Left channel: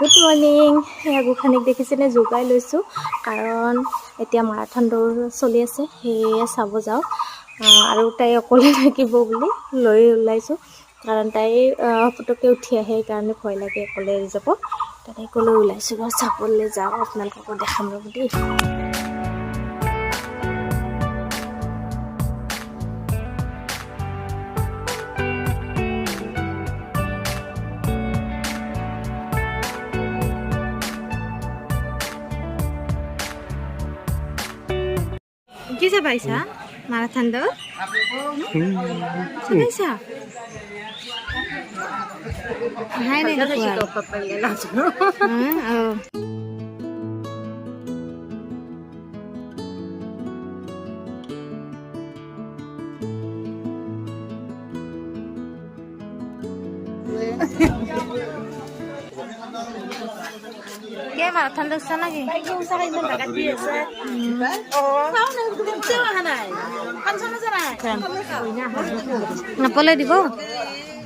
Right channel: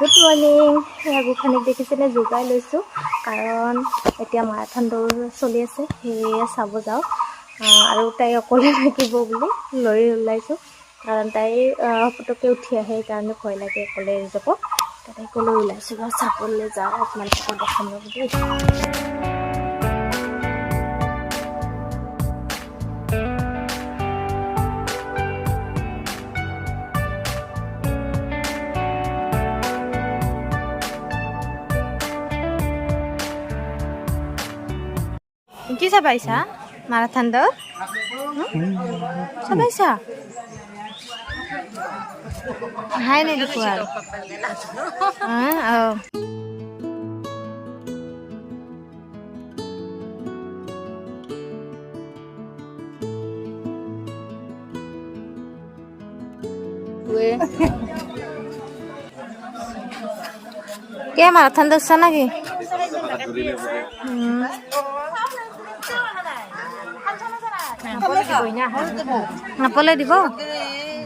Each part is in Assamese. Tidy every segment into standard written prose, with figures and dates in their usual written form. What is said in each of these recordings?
Good morning. গোখানিক দেখিছেনে জোগাই লৈছোঁ, কাৰণ এতিয়া মাৰাথন দৌৰ চলি আছে, সেয়ে চাব যাওঁ। আৰু তাই অকলে থাকিব বুলি লৈ ওলাইছোঁ, কাৰণ তাই পটককৈ উঠি আহে, সেইকাৰণে ভয় লাগে অকলে যাব। তাইকো লৈ ওলাইছোঁ বাৰু, চাবলৈ যাওঁ, আপোনালোককো দেখাম বুলি। কি চাবাইছা মাৰাথন দৌৰ চাবাইছা? হাই নাই দেখো আৰু কে মাৰাথন দৌৰছা নাকি? নাপালে দিব,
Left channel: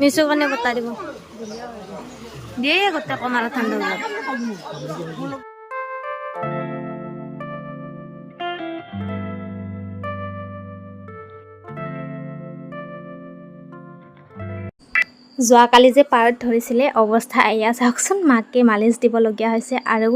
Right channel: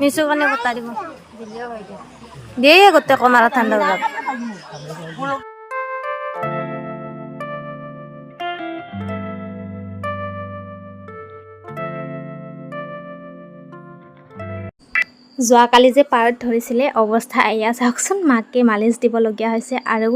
মিছুৰ কাৰণে বতা দিব দিয়ে গোটেই কমাৰা ঠাণ্ডা ওলাব। যোৱাকালি যে পাৰত ধৰিছিলে, অৱস্থা এয়া চাওকচোন। মাকে মালিচ দিবলগীয়া হৈছে, আৰু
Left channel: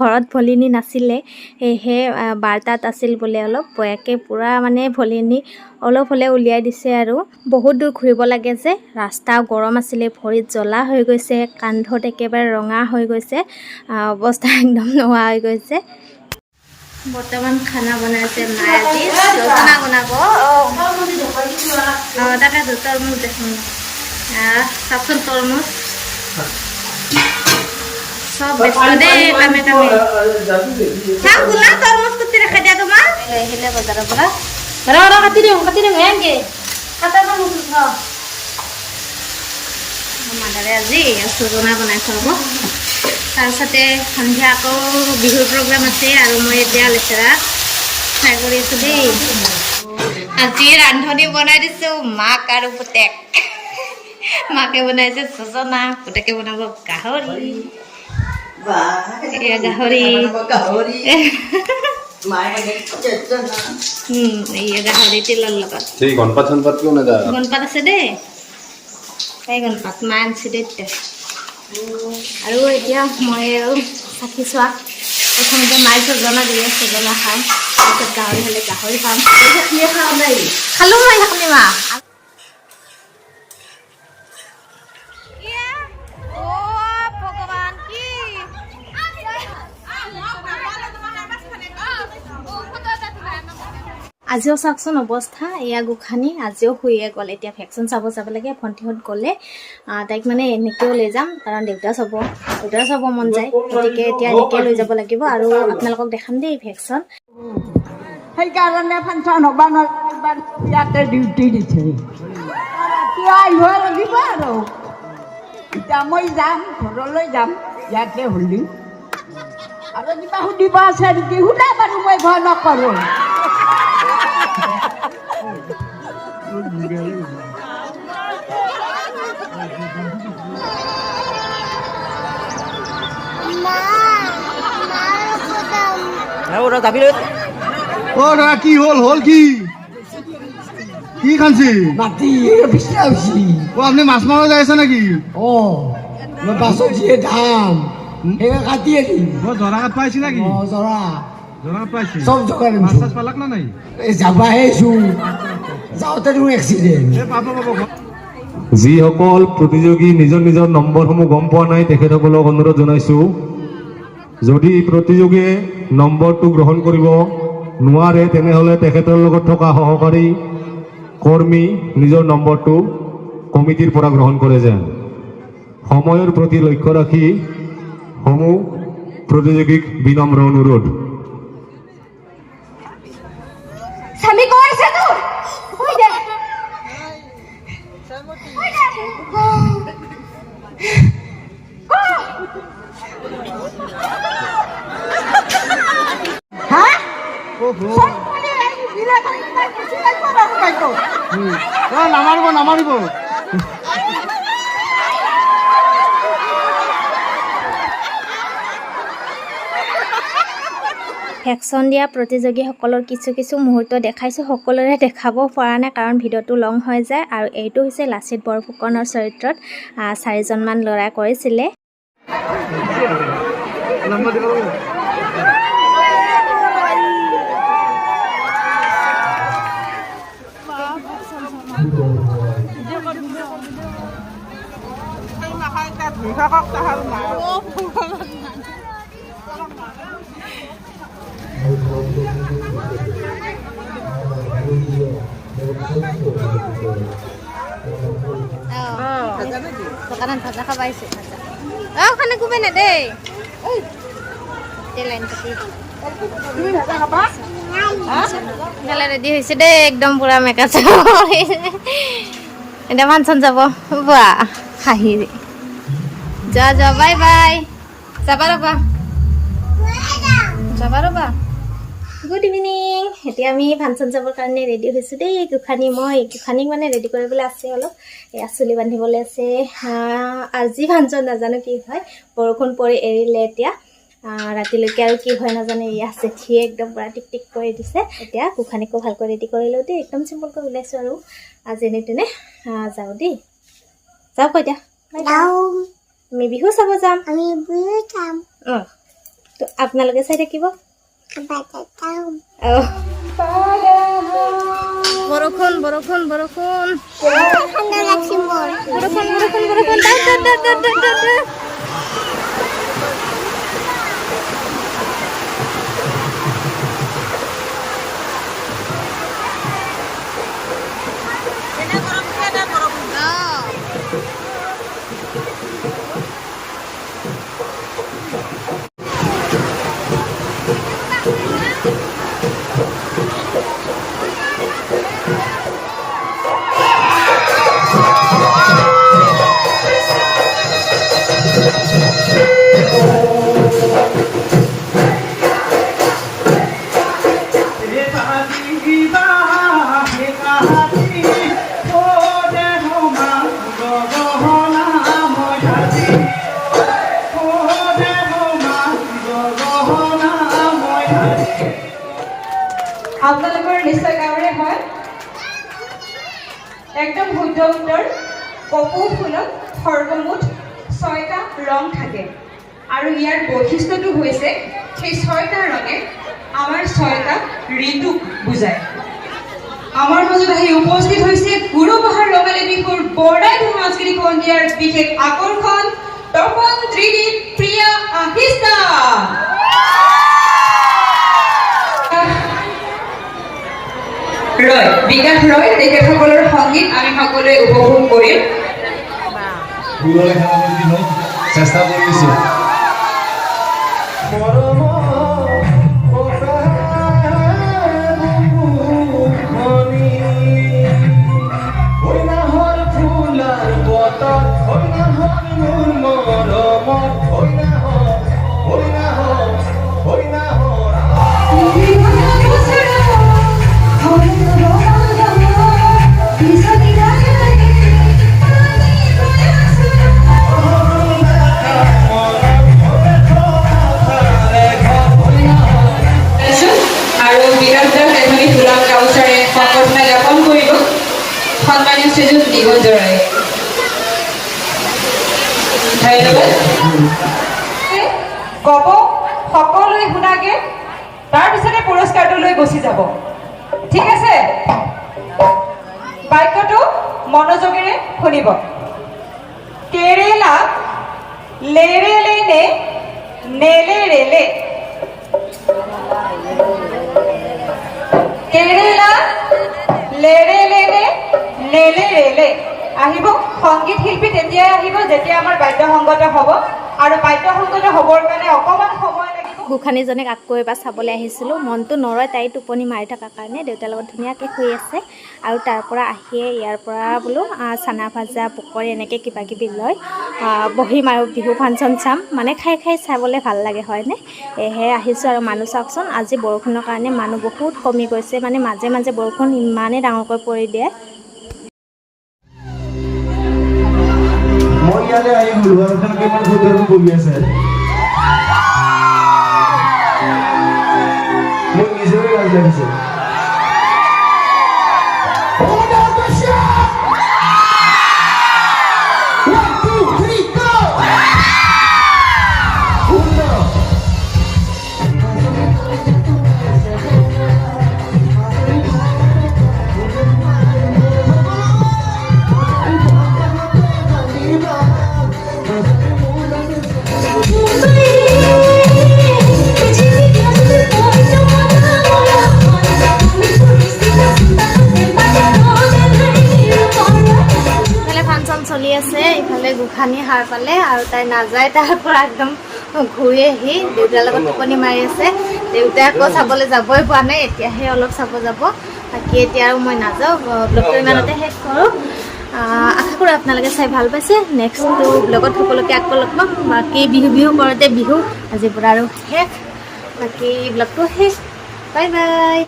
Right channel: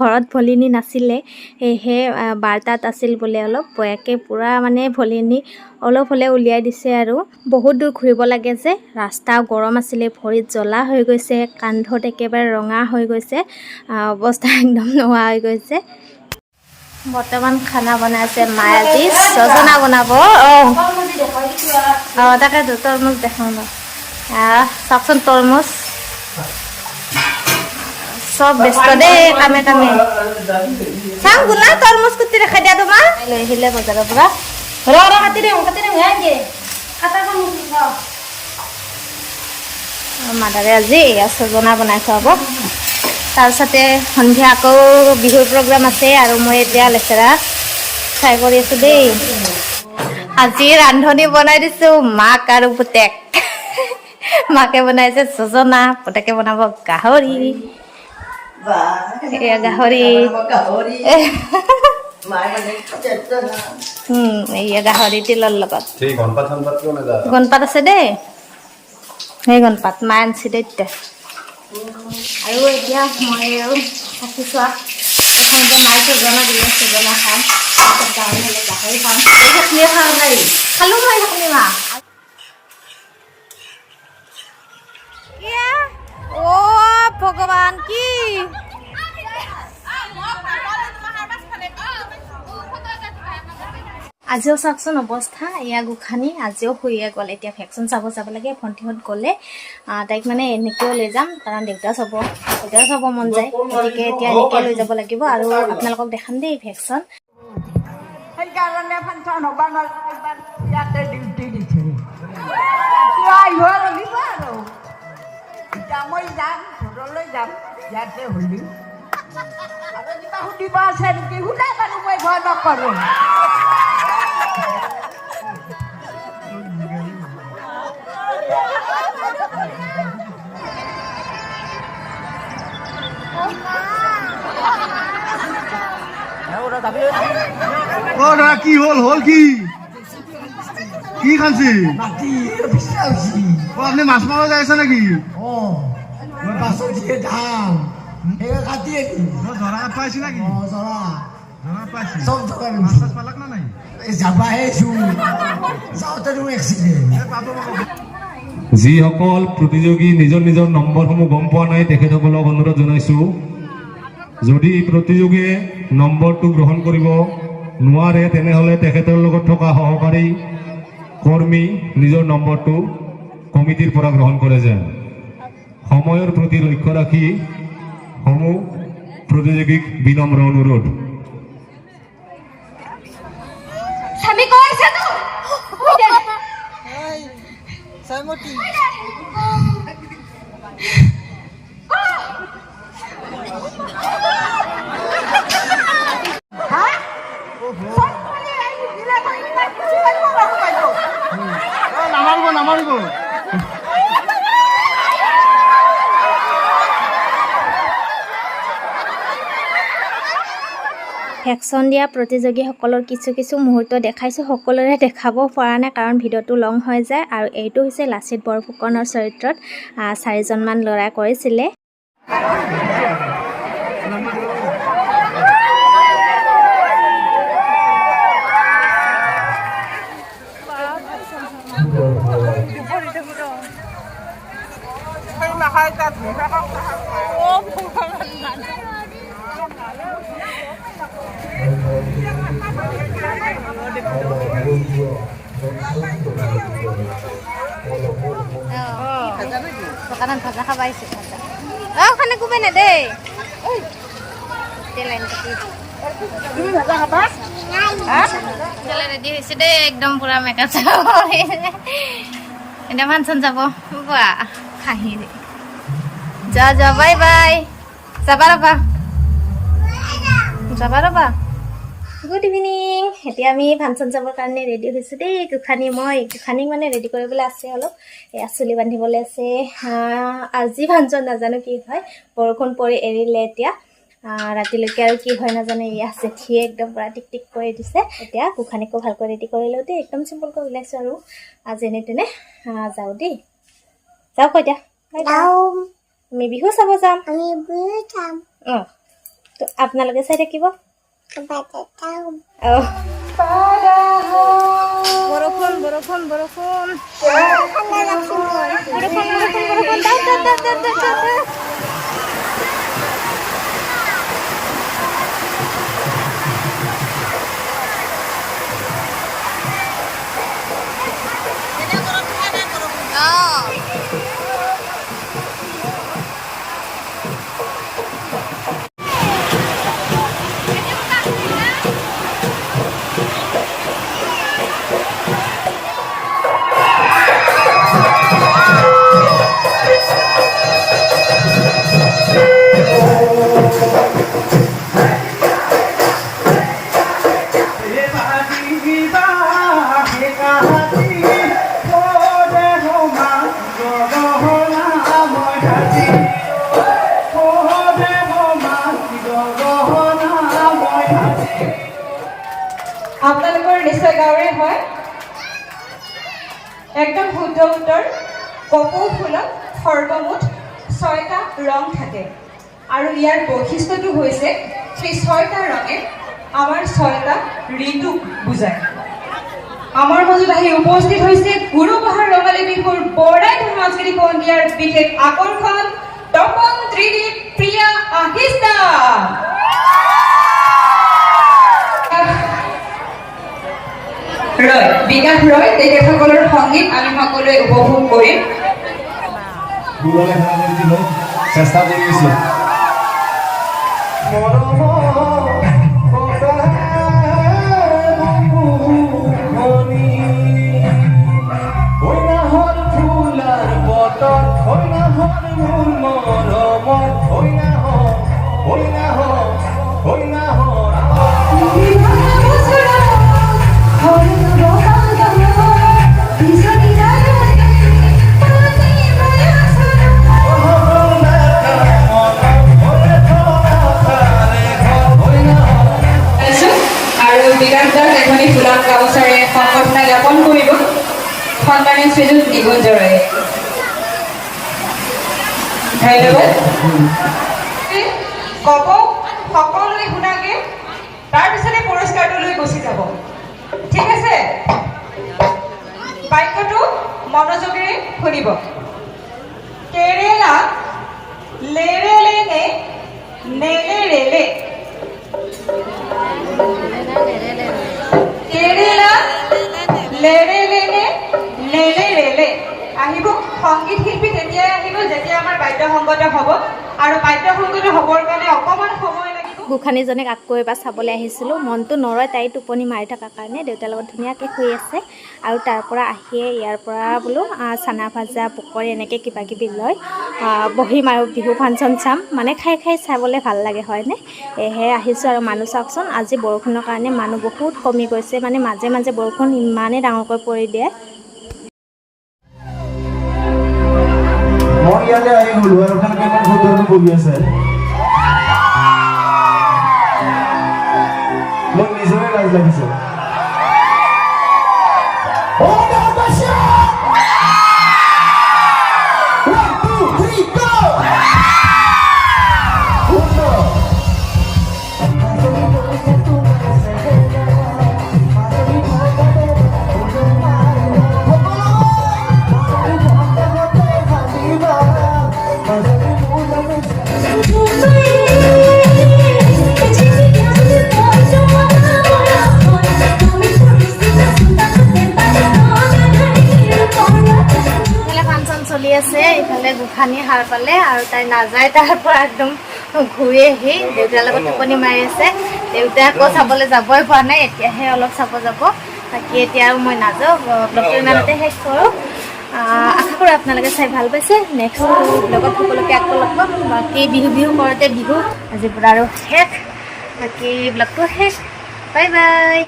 ঘৰত ভলিনী নাছিলে, সেয়েহে বাৰটাত আছিল বোলে, অলপ বয়াকে পূৰা মানে ভলিনী অলপ হ'লে উলিয়াই দিছে। আৰু বহুত দূৰ ঘূৰিব লাগে যে, ৰাস্তা গৰম আছিলে, ভৰিত জ্বলা হৈ গৈছে, কান্ধত একেবাৰে ৰঙা হৈ গৈছে, অৱস্থা একদম নোহোৱা হৈ গৈছে। বৰ্তমান খানা বনাইছে মায়ে, আজি ছজনা বনাব। তাকেতো তৰমুজ দেখাওঁ চাওকচোন, তৰমুজ চব ব্যস্ত দেই কামে কামে। চাওঁ গোলা তৰমুজ কুটি ৰাখা দিয়া তোমাৰ, লৈ আহিলে বজাৰৰ পৰা। কাটি দিম হেংগে মাদাৰে আজি ছজনা বনাই খুৱাব। তাৰপিছতে সন্ধিয়া আকৌ বিহুৰ প্ৰগ্ৰাম আছে, আৰু মই এতিয়া লেচেৰা ফ্ৰাই কৰি আছোঁ দেই। আজি ৰান্ধনি বনাই দিছোঁ মাক আৰু পুতেক। মাকে বনাইছে ছজনা, পুতেকে বনাব গাহৰি। গাহৰি গাহৰি তিলৰ লগত। গণপাত আছে দেই, সেই গণপাত মায়ে আনিছে দেই এতিয়া। আৰু এতিয়া মই আৰু থাকিছোঁ, প্ৰথমতে মায়ে ছজনা দিয়ে, ছজনা খাম, তাৰপিছত গাহৰি হ'লে গাহৰি খাম। খালোঁ মই সেইখিনি মা। ভগৱান কি আজিও চাওকচোন অৱস্থা, এয়া গোখানি আজিও শুইয়ে গ'ল। এতিয়া ভেকচিন চাব যাব লাগে, ভণ্টিহঁত গ'লে তাইক মানে এনেকৈও লৈ যাম, কাৰণ দেউতাও চাব মন যায়, গতিকে এতিয়া এনেকৈ লৈ যাব লাগিব। আৰু আপোনালোকক দেখাম দেই ভেকচিন। সেইকাৰণে ফাংচন হ'ব ইয়াতে ডিউটি দিছে, আহিব লাগিব। আৰু এতিয়া মই যাম, ঘৰলৈ যাম, ইয়াতে হ'লেও আৰু কিবা সুধিব আছে নেকি সুধা বাৰু, মই ভয় নকৰোঁ। কি হ'ল কি কি খাইছে? মাটি বিচাৰিছি। আপুনি মাছ মাৰিব যাই আছে নেকি? বাছৰ যিয়ে দাম সেইবোৰ কাটি আনি জৰা পাইছে নেকি? জৰা পাইছে চব জোগাৰ মাছ চাছ পালাক না নাই? যাবাহে যাওঁতে এক্সিডেণ্ট। যিসকল প্ৰতিযোগী নিজৰ নিজৰ নম্বৰসমূহ গম পোৱা নাই, তেখেতসকলক অনুৰোধ জনাইছোঁ, যদি প্ৰতিযোগীয়ে নম্বৰটো গ্ৰহণ কৰিব নোৱাৰে, তেনেহ'লে তেখেতৰ লগত থকা সহকাৰী কৰ্মী নিজৰ নম্বৰটো কমিটিৰ পৰা গ্ৰহণ কৰে যেন। সময়ৰ প্ৰতি লক্ষ্য ৰাখি সমূহ প্ৰতিযোগীক বিনম্ৰ অনুৰোধ। ভেকচিন দিয়া প্ৰতিযোগীসকলৰ কিছু মুহূৰ্ত দেখাইছোঁ। সকলোৰে দেখাব পৰা নাই কাৰণ ভিডিঅ'টো লং হৈ যায়। আৰু এইটো হৈছে লাচিত বৰফুকনৰ চৰিত্ৰত 4জনমান ল'ৰাই কৰিছিলে। Makanan ভাজা খাব আহিছে ভাজা খানা কোবাই না দেই লাইন কাটি খেলা ৰেডি হৈছে দেই একদম পুৰা মেকআপ এতিয়া ফাংচন যাব বা হাঁহি যা বাই বাই যাবা ৰ'বা গুড ইভিনিং। এতিয়া আমি ফাংচন যাবৰ কাৰণে ৰেডি হৈছোঁ দেই। গোসানীক মানে ৰেডি কৰিবলৈ আছে অলপ, এয়া চুলি বান্ধিবলৈ আছে। আজি ফাংচন নাজানো কি হয়, বৰষুণ পৰি এৰিলে এতিয়া ৰাতিলৈকে আৰু কি হয় নাজানো। এয়া জেঠিয়ে একদম পূৰা টিক কৰি দিছে। এতিয়া গোসানীকো ভালকৈ ৰেডি কৰি লওঁ দেই। একদম চিম্পলকৈ ওলাইছোঁ আৰু যেনে তেনে যাওঁ দেই। যাওঁ কৈ দিয়া আমি বিহু চাব যাম। অঁ তো আপোনালোকে চাই থাকিব। বৰষুণ আপোনালোকৰ নিশ্চয় গাঁৱৰে হয়। একদম শুদ্ধ উত্তৰ। কপৌ ফুলত সৰ্বমুঠ 6টা ৰং থাকে আৰু ইয়াৰ বৈশিষ্ট্যটো হৈছে সেই 6টা ৰঙে আমাৰ 6টা ঋতুক বুজায়। আমাৰ মাজত আহি উপস্থিত হৈছে গুৰুবাহাৰ ৰঙালী বিহুৰ বৰদাই সাংস্কৃতিক সন্ধিয়াৰ বিশেষ আকৰ্ষণ তপন ত্ৰিদীপ প্ৰিয়া আহিছা। বিকাশ ৰয় তেখেতসকলৰ সংগীত আমি সকলোৱে উপভোগ কৰিম। চেষ্টা কৰিছোঁ। সকলোৱে শুনাগে, তাৰপিছতে পুৰস্কাৰটো লৈ গুচি যাব। ঠিক আছে, বাক্যটো মনোযোগেৰে শুনিব। কেৰেলা লেৰেলে নে নেলেৰেলে? কেৰেলা লেৰেলে নে নেলেৰেলে? আহিব সংগীত শিল্পী তেতিয়াই আহিব যেতিয়া আমাৰ বাদ্যসংগত হ'ব, আৰু বাদ্যসংগত হ'বৰ কাৰণে অকণমান সময় লাগিব। গোসানীজনীক আকৌ এবাৰ চাবলৈ আহিছিলোঁ। মনটো নৰয়, তাই টোপনি মাৰি থকাৰ কাৰণে দেউতাৰ লগত ধুনীয়াকৈ শুই আছে। আৰু তাৰ পৰা আহিয়ে ইয়াৰ পৰা বোলো চানা ভাজা পকৰি এনেকৈ কিবাকিবি লৈ বহিম আৰু বিহু ফাংচন চাম। মানে খাই চাবলৈ ভাল লাগে হয়নে? সেয়েহে আহিছোঁ। আৰু মানুহ চাওকচোন, আজি বৰষুণৰ কাৰণে মানুহ বহুত কমি গৈছে। মানে মাজে মাজে বৰষুণ ইমানেই ডাঙৰকৈ পৰি দিয়ে। মই ইয়ালৈ আহি গ'লো আৰু বহি আছে। লাগিছে ইফালে ফাংচন চলি আছে, ইফালে গোসাঁনী সাৰ পালে আৰু তাই নাযায়, তাৰ পৰা একদম ঘূৰি আহি দেউতাৰ লগত টোপনি মাৰি আছে। দেউতাই আকৌ চাবলৈ যাবই পোৱা নাই, এতিয়াহে অলপ চাব যাব। বাকী এতিয়া আৰু মই নাযাওঁ, ব্লগটো ইমানতে শেষ কৰোঁ। আশা কৰোঁ আপোনালোকে চাই ভাল পাইছে। নেক্সট ব্লগত সকলোকে আকৌ লগ পাম। বাকী বিহু কৰোঁতে বিহু আজিৰ পৰা আৰু শেষ। বাকী ব্লগটো শেষ। Bye bye.